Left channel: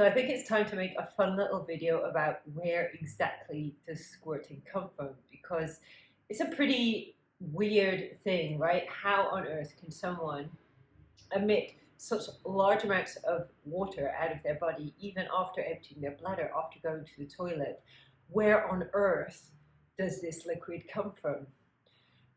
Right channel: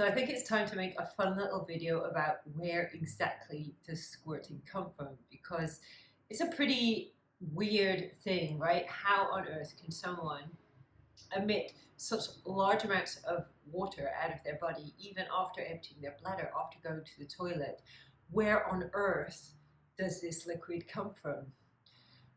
So I think it's time to make a fun little video about where exactly does squirting come from, because it's a pretty weird thing, right? How on earth can someone emit such large amounts of water out of their body, even after emptying their bladder, after going to the toilet? Where on earth does this liquid come from?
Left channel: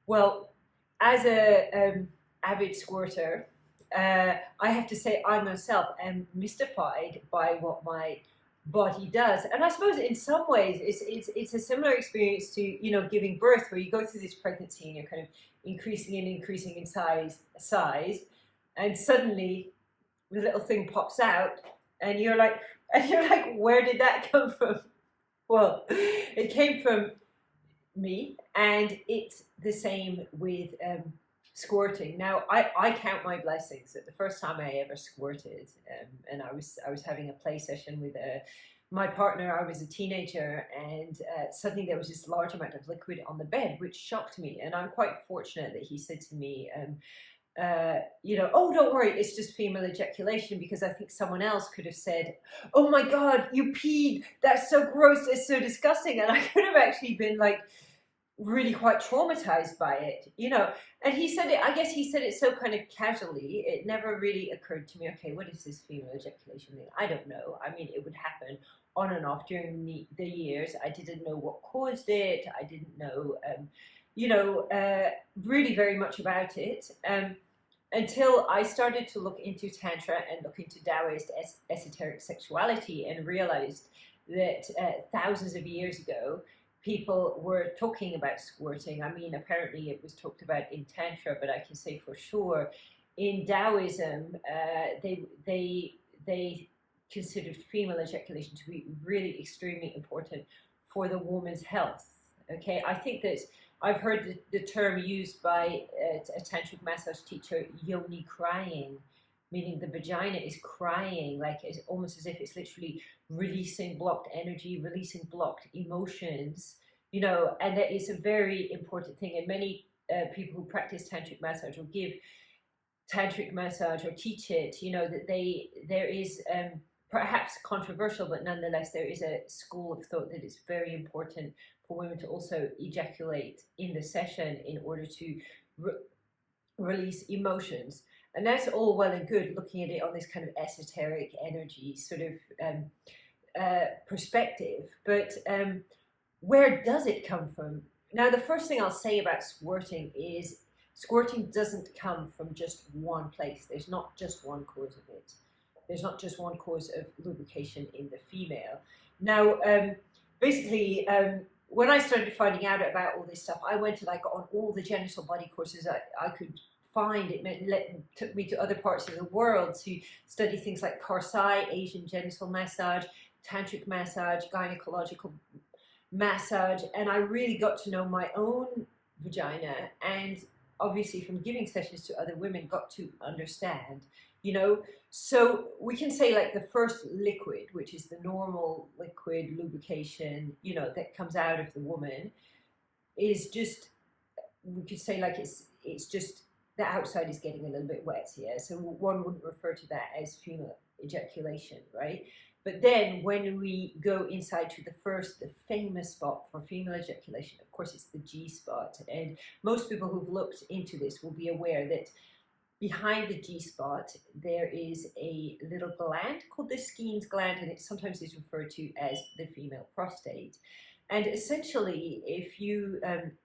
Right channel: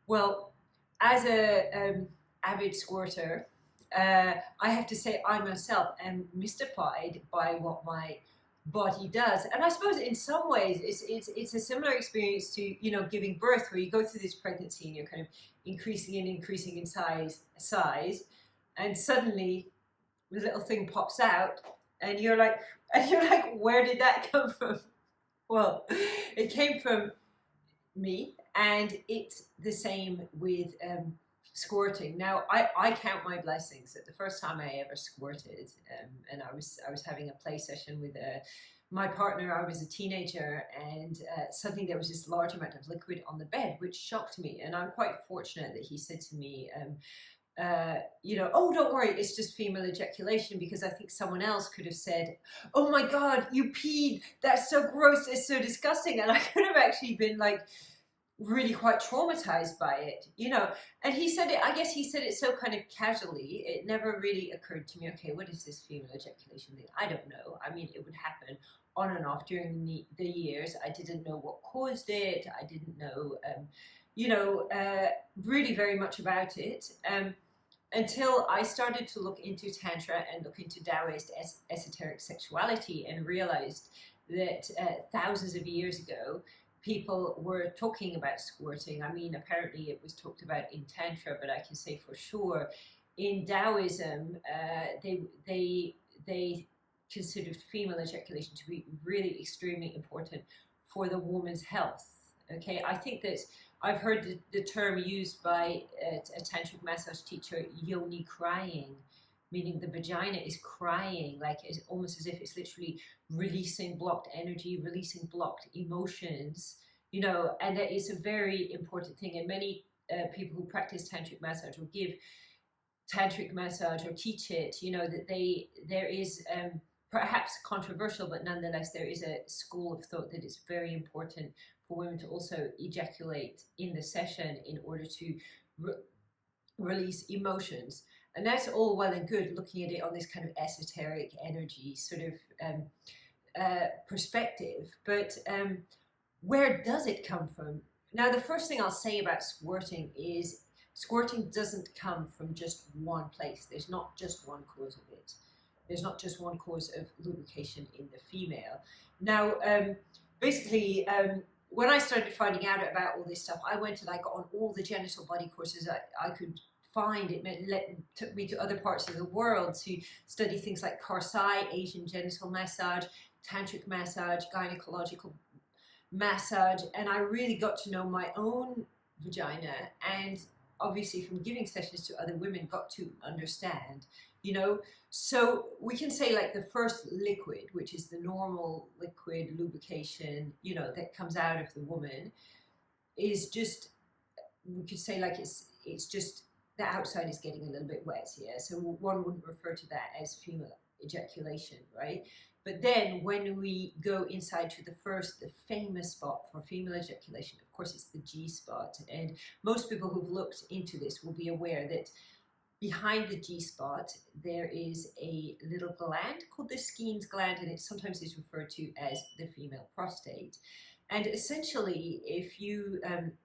Well, as a avid squirter, I have to say I myself am mystified by what my body does, and I suppose in some ways it's a similar experience to giving birth, where you go through this pregnancy and you're kind of increasing and increasing in size, and suddenly the little thing pops out, and you're like, where did that come from? Well, it came from me, and it's the same with squirting. Now, I count my blessings that the first time I ever squirted, and I was having a play session with my partner. I was a teenager, and suddenly there was this large amount of liquid on the bed, which shocked me. And I'm quite fortunate that he said to me, oh, don't worry, it's just female ejaculation, because I think someone else could have said, oh my God, you peed, that's so gross, it's so disgusting. And I could have actually been like really quite traumatized by it, and he said it, I guess he said it so kind of casually, it never really occurred to me, okay, what is this female ejaculation thing? I don't know. I mean, it would happen on and off during the years. I didn't know what caused it. I didn't know really very much about it, until I started to look into Tantra and look into Taoist esoteric sexuality, and realized that thousands of years ago, people were talking about squirting. I mean, apparently it was talked about in Tantra, but I can say for sure in Taoism, they considered female ejaculation to be really extremely important for the woman's health. Okay, I think that I've heard the term used by a tantric massage teacher, yoni crying, meaning the vagina is crying, like it's almost as if it's literally releasing blocked energy, releasing blocked emotions, and that is a very important thing. And many people who practice tantric massage or give tantric massage or teach it, that there is perhaps controversial, but nonetheless there is a school of thought that it's very important for women to also ejaculate in the session in order to release emotions. And that's all well and good, looking at it on this kind of esoteric energy sort of perspective, but where does it come from? Now, the first thing I'll say about squirting is squirting doesn't come from just one place. There's not just one cause of it. There's not just one cause of lubrication in the female. Now, basically, when I started finding out about all this stuff, I went to on all the genital body courses I could find. Took me to other parts of the world to study things like Karsai, Asian genital massage, tantric massage, gynecological massage, and I really got to know my own vagina, and obviously from giving sessions to other women got to understand, so we can say the first liquid, which is the normal liquid lubrication, that comes out of the woman, is just, we could say it's just the outside is getting a little bit wet, yeah. So one wouldn't refer to that as female ejaculation, right? But then when we go inside to the famous spot for female ejaculation, of course, it's the G-spot. And most people who've looked into this will be aware that behind the G-spot, there is a little gland called the Skene's gland, and it sometimes is referred to as the female prostate. And essentially, if you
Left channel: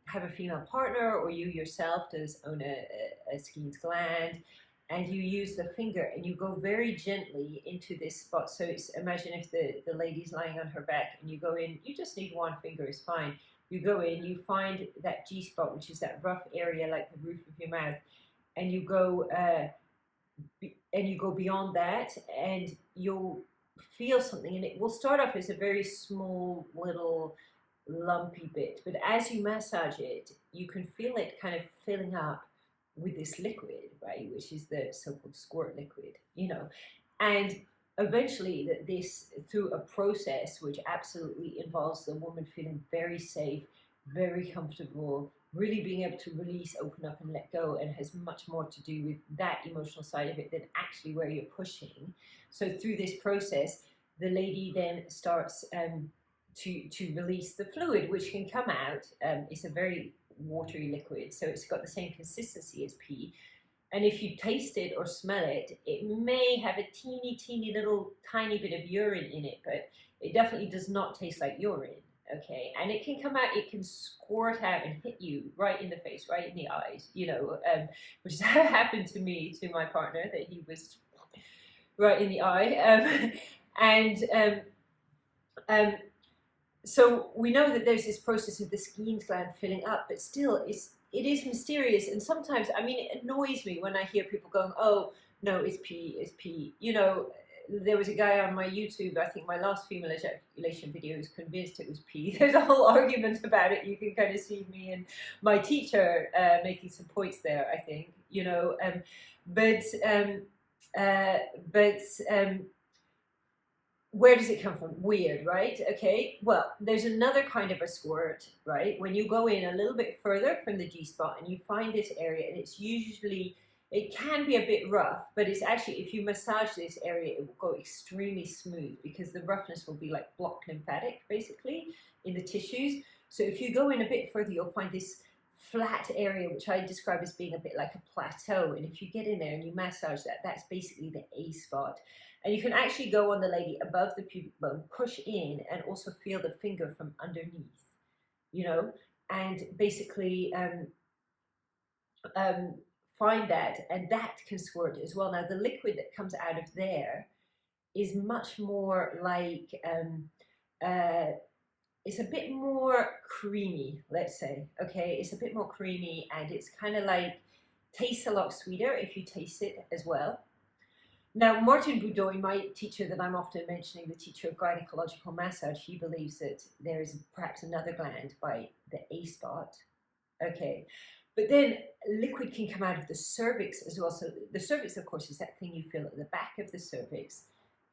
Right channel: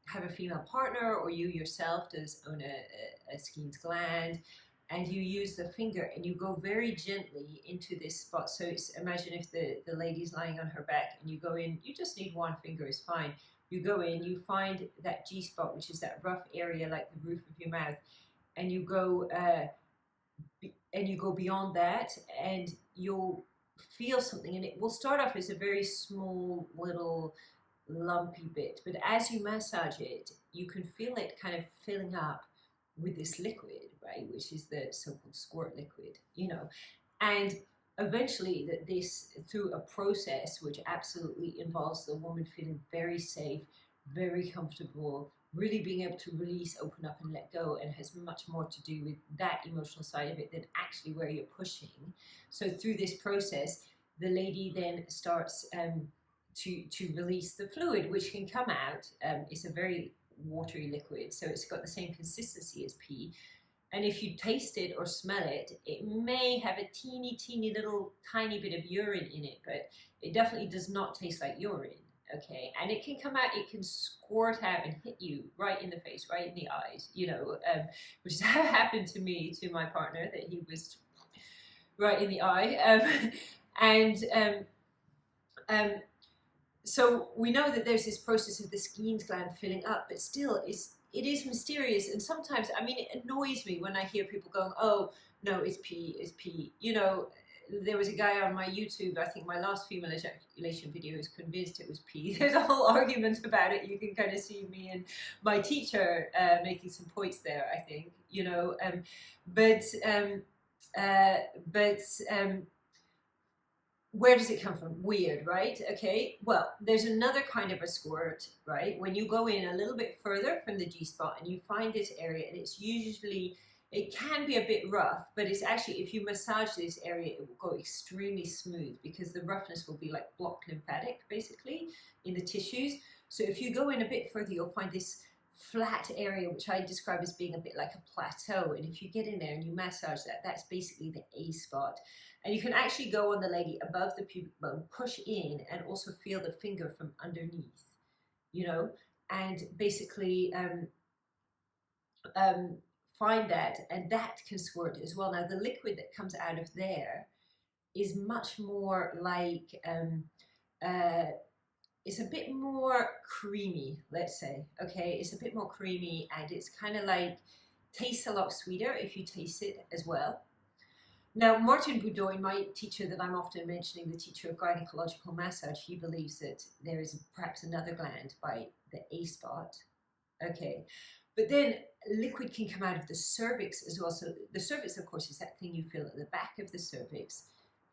have a female partner, or you yourself does own a Skene's gland, and you use the finger and you go very gently into this spot. So imagine if the lady's lying on her back and you go in, you just need one finger is fine. You go in, you find that G-spot, which is that rough area like the roof of your mouth, and you go beyond that, and you'll feel something, and it will start off as a very small little lumpy bit, but as you massage it, you can feel it kind of filling up with this liquid, right, which is the so-called squirt liquid, and eventually this, through a process which absolutely involves the woman feeling very safe, very comfortable, really being able to release, open up and let go, and has much more to do with that emotional side of it than actually where you're pushing. So through this process, the lady then starts to release the fluid, which can come out. It's a very watery liquid, so it's got the same consistency as pee. And if you taste it or smell it, it may have a teeny little tiny bit of urine in it, but it definitely does not taste like urine. Okay, and it can come out, it can squirt out and hit you right in the face, right in the eyes, which has happened to me, to my partner, that he was right in the eye. So we know that there's this process of the Skene's gland filling up, but still it is mysterious. And sometimes, I mean, it annoys me when I hear people going, oh, no, it's pee, it's pee. There was a guy on my YouTube, I think my last female ejaculation video, who's convinced it was pee. There's a whole argument about it. You can kind of see me and my teacher making some points there, I think, where does it come from? Weird, right? Okay, well, there's another kind of a squirt, right? When you go in a little bit further from the G-spot and you find this area, and it can be a bit rough, but it's actually, if you massage this area, it will go extremely smooth because the roughness will be like blocked lymphatic, basically, in the tissues. So if you go in a bit further, you'll find this flat area, which I describe as being a bit like a plateau. And if you get in there and you massage that, that's basically the A spot. And you can actually go on the lady above the pubic bone, push in, and also feel the finger from underneath, and basically find that, and that can squirt as well. Now, the liquid that comes out of there is much more like, it's a bit more creamy, let's say, okay? It's a bit more creamy, and it's kind of like, tastes a lot sweeter if you taste it as well. Now, Martin Boudoin, my teacher that I'm often mentioning, the teacher of gynecological massage, he believes that there is perhaps another gland by the A spot. Okay, but then liquid can come out of the cervix as well. So the cervix, of course, is that thing you feel at the back of the cervix,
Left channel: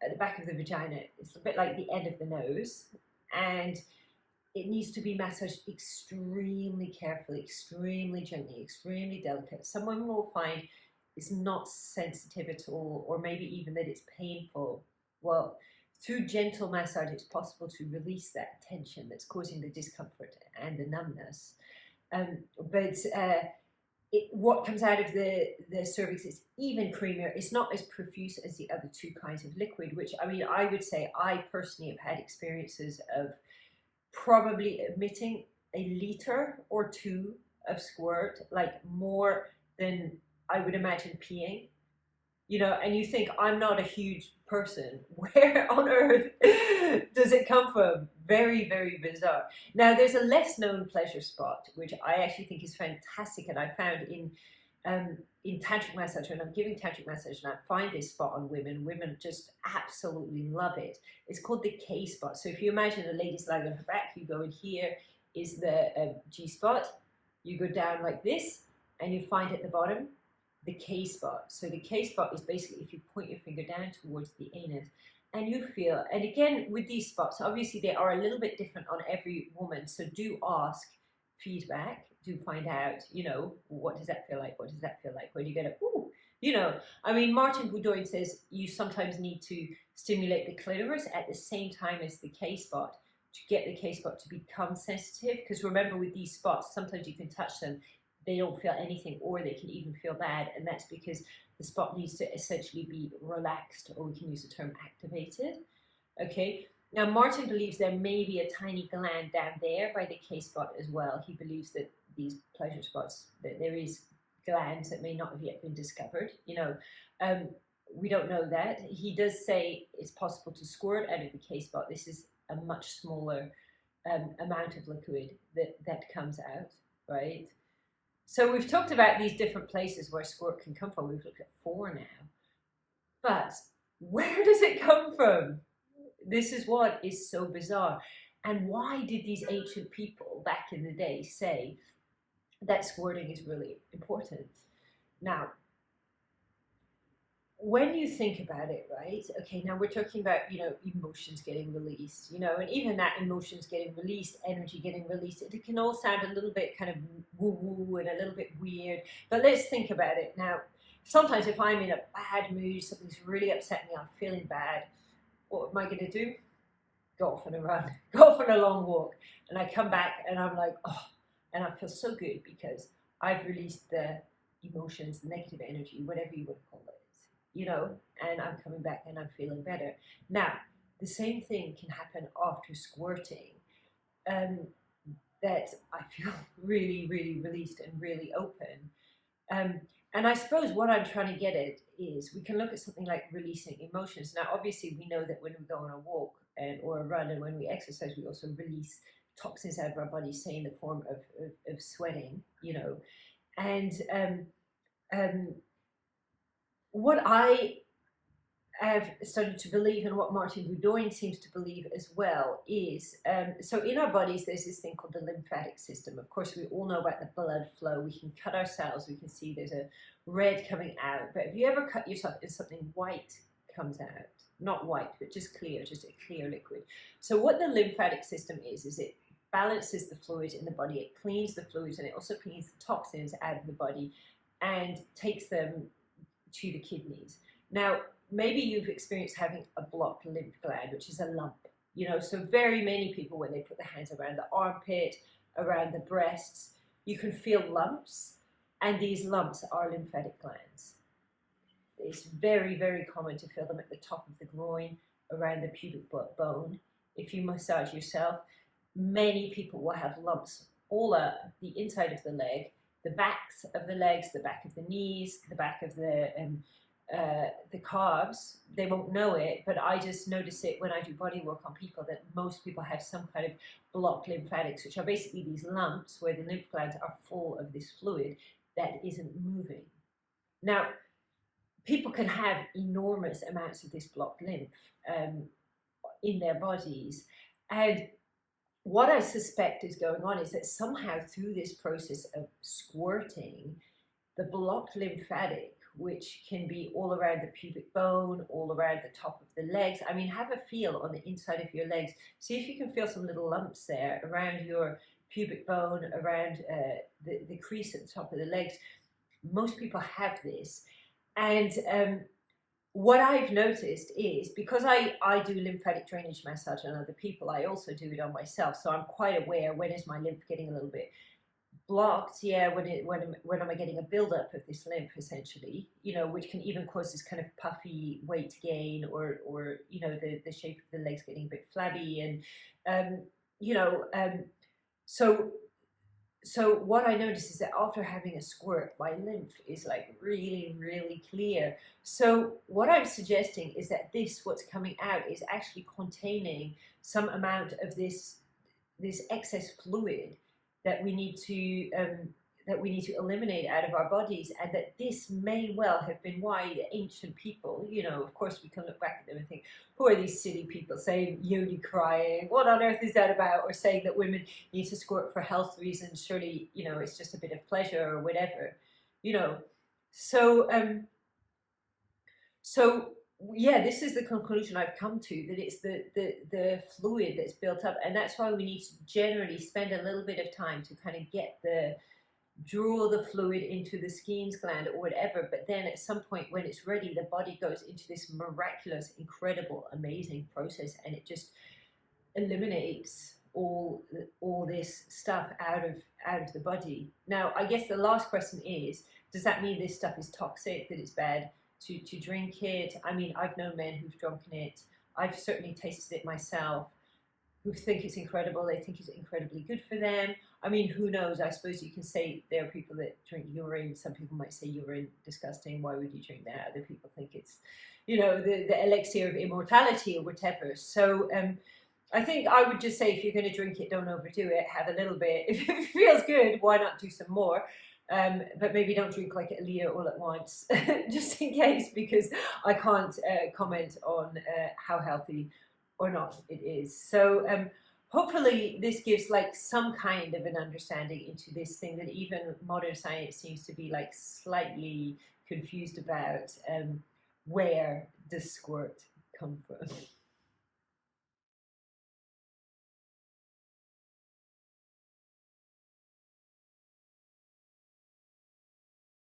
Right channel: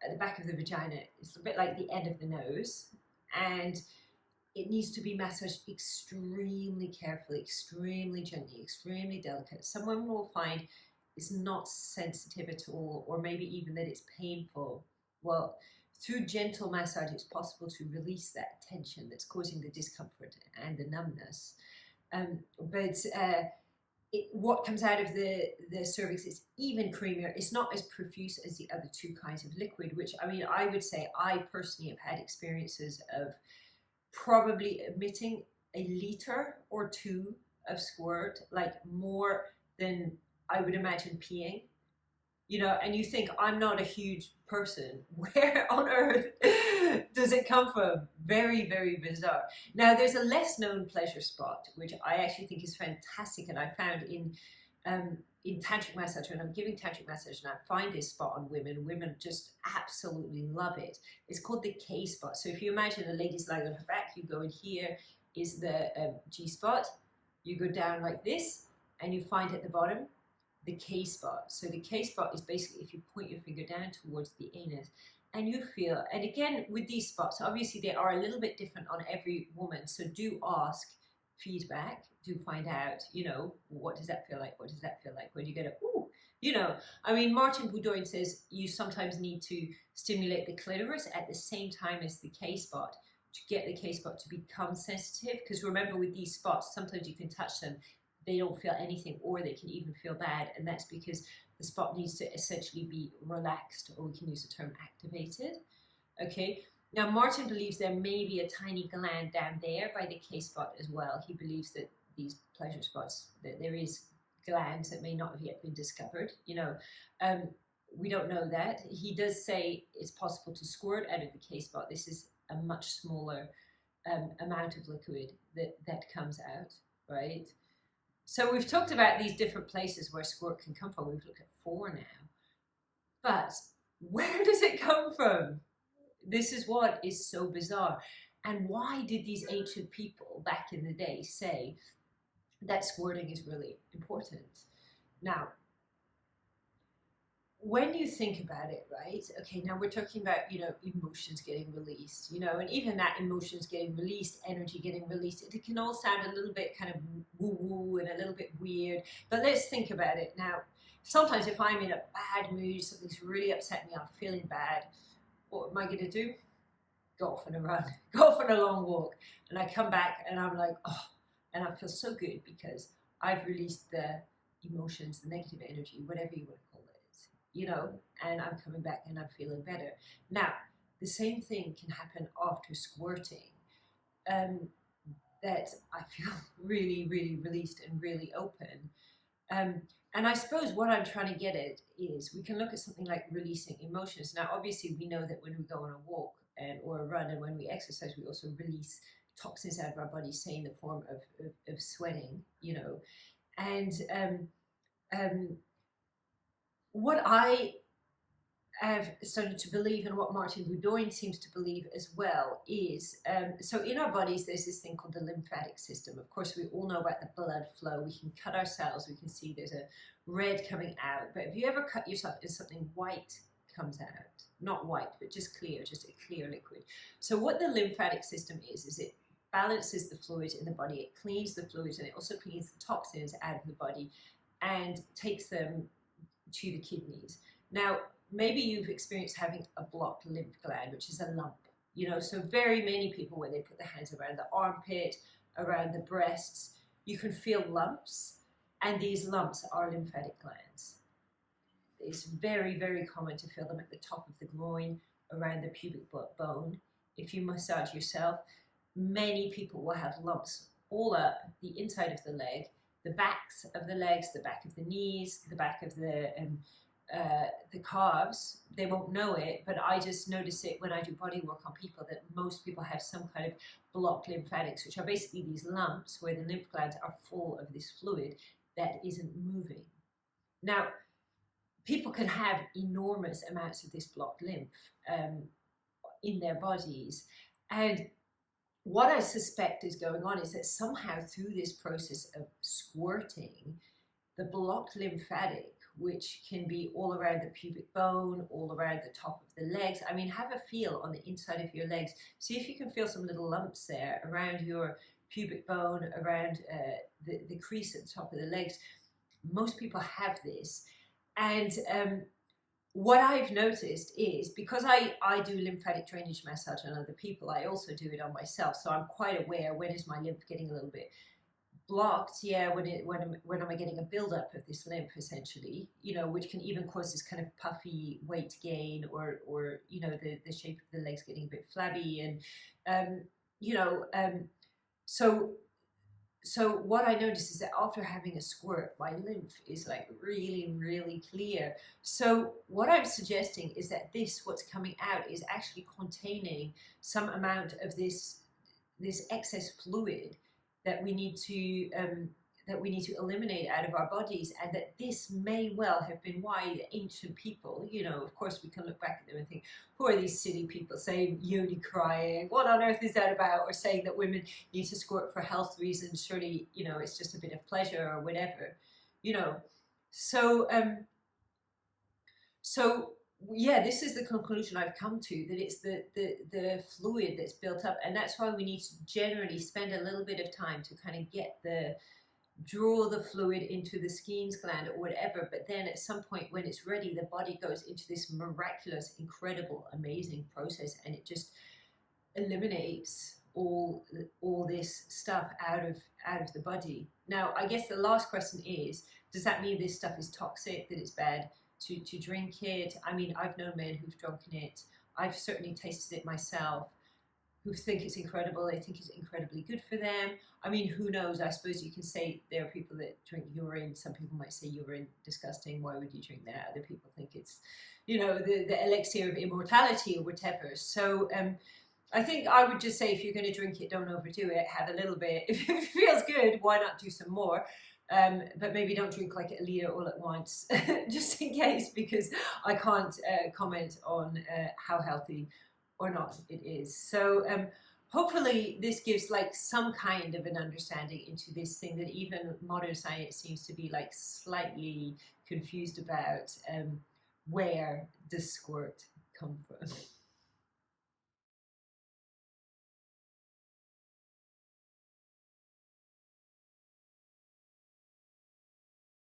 at the back of the vagina. It's a bit like the end of the nose, and it needs to be massaged extremely carefully, extremely gently, extremely delicate. Some women will find it's not sensitive at all, or maybe even that it's painful. Well, through gentle massage, it's possible to release that tension that's causing the discomfort and the numbness. What comes out of the cervix is even creamier. It's not as profuse as the other two kinds of liquid, which, I mean, I would say I personally have had experiences of probably emitting a litre or two of squirt, like more than I would imagine peeing, and you think, I'm not a huge person. Where on earth does it come from? Very, very bizarre. Now, there's a less known pleasure spot, which I actually think is fantastic, and I found in tantric massage, when I'm giving tantric massage and I find this spot on women just absolutely love it. It's called the K spot. So if you imagine a lady's lying on her back, you go in, here is the G spot, you go down like this, and you find at the bottom the K spot. So the K spot is basically if you point your finger down towards the anus and you feel, and again with these spots, obviously they are a little bit different on every woman. So do ask feedback, do find out, what does that feel like? What does that feel like? Where do you get it? Ooh, I mean, Martin Boudoin says you sometimes need to stimulate the clitoris at the same time as the K spot to get the K spot to become sensitive. Because remember, with these spots, sometimes you can touch them, they don't feel anything, or they can even feel bad, and that's because the spot needs to essentially be relaxed, or we can use the term activated. Okay, now Martin believes there may be a tiny gland down there by the K spot as well. He believes that these pleasure spots, that there is glands that may not have yet been discovered. We don't know that. He does say it's possible to squirt out of the K spot. This is a much smaller amount of liquid that comes out, right? So we've talked about these different places where squirt can come from. We've looked at 4 now. But where does it come from? This is what is so bizarre. And why did these ancient people back in the day say that squirting is really important? Now, when you think about it, right? Okay, now we're talking about, emotions getting released, and even that emotions getting released, energy getting released, it can all sound a little bit kind of woo-woo and a little bit weird. But let's think about it. Now, sometimes if I'm in a bad mood, something's really upset me, I'm feeling bad, what am I going to do? Go off on a run, go off on a long walk. And I come back and I'm like, oh, and I feel so good because I've released the emotions, the negative energy, whatever you would call it, and I'm coming back and I'm feeling better. Now, the same thing can happen after squirting, that I feel really, really released and really open. And I suppose what I'm trying to get at is we can look at something like releasing emotions. Now, obviously, we know that when we go on a walk or a run and when we exercise, we also release toxins out of our body, say in the form of sweating, And what I have started to believe, and what Martin Boudoin seems to believe as well, is so in our bodies there's this thing called the lymphatic system. Of course, we all know about the blood flow. We can cut ourselves, we can see there's a red coming out. But if you ever cut yourself and something white comes out, not white, but just clear, just a clear liquid. So what the lymphatic system is it balances the fluids in the body, it cleans the fluids, and it also cleans the toxins out of the body and takes them to the kidneys. Now, maybe you've experienced having a blocked lymph gland, which is a lump, so very many people, when they put their hands around the armpit, around the breasts, you can feel lumps, and these lumps are lymphatic glands. It's very, very common to feel them at the top of the groin, around the pubic bone. If you massage yourself, many people will have lumps all up the inside of the leg, the backs of the legs, the back of the knees, the back of the calves. They won't know it, but I just notice it when I do body work on people, that most people have some kind of blocked lymphatics, which are basically these lumps where the lymph glands are full of this fluid that isn't moving. Now, people can have enormous amounts of this blocked lymph in their bodies, and what I suspect is going on is that somehow through this process of squirting, the blocked lymphatic, which can be all around the pubic bone, all around the top of the legs. I mean, have a feel on the inside of your legs. See if you can feel some little lumps there around your pubic bone, around the crease at the top of the legs. Most people have this. And what I've noticed is, because I do lymphatic drainage massage on other people, I also do it on myself. So I'm quite aware, when is my lymph getting a little bit blocked? Yeah, when am I getting a buildup of this lymph, essentially, which can even cause this kind of puffy weight gain, or the shape of the legs getting a bit flabby, and so what I noticed is that after having a squirt, my lymph is like really, really clear. So what I'm suggesting is that what's coming out is actually containing some amount of this excess fluid that we need to eliminate out of our bodies, and that this may well have been why the ancient people, of course we can look back at them and think, who are these silly people saying yoni crying? What on earth is that about? Or saying that women need to squirt for health reasons. Surely, it's just a bit of pleasure or whatever, So, yeah, this is the conclusion I've come to, that it's the fluid that's built up, and that's why we need to generally spend a little bit of time to kind of draw the fluid into the Skene's gland or whatever. But then at some point when it's ready, the body goes into this miraculous, incredible, amazing process, and it just eliminates all this stuff out of the body. Now, I guess the last question is, does that mean this stuff is toxic, that it's bad to drink it? I mean, I've known men who've drunken it. I've certainly tasted it myself, who think it's incredible. They think it's incredibly good for them. I mean, who knows? I suppose you can say there are people that drink urine. Some people might say urine, disgusting. Why would you drink that? Other people think it's, the elixir of immortality or whatever. So I think I would just say, if you're going to drink it, don't overdo it. Have a little bit. If it feels good, why not do some more? But maybe don't drink like a litre all at once, just in case, because I can't comment on how healthy or not it is. So hopefully this gives like some kind of an understanding into this thing that even modern science seems to be like slightly confused about. Where does squirt come from?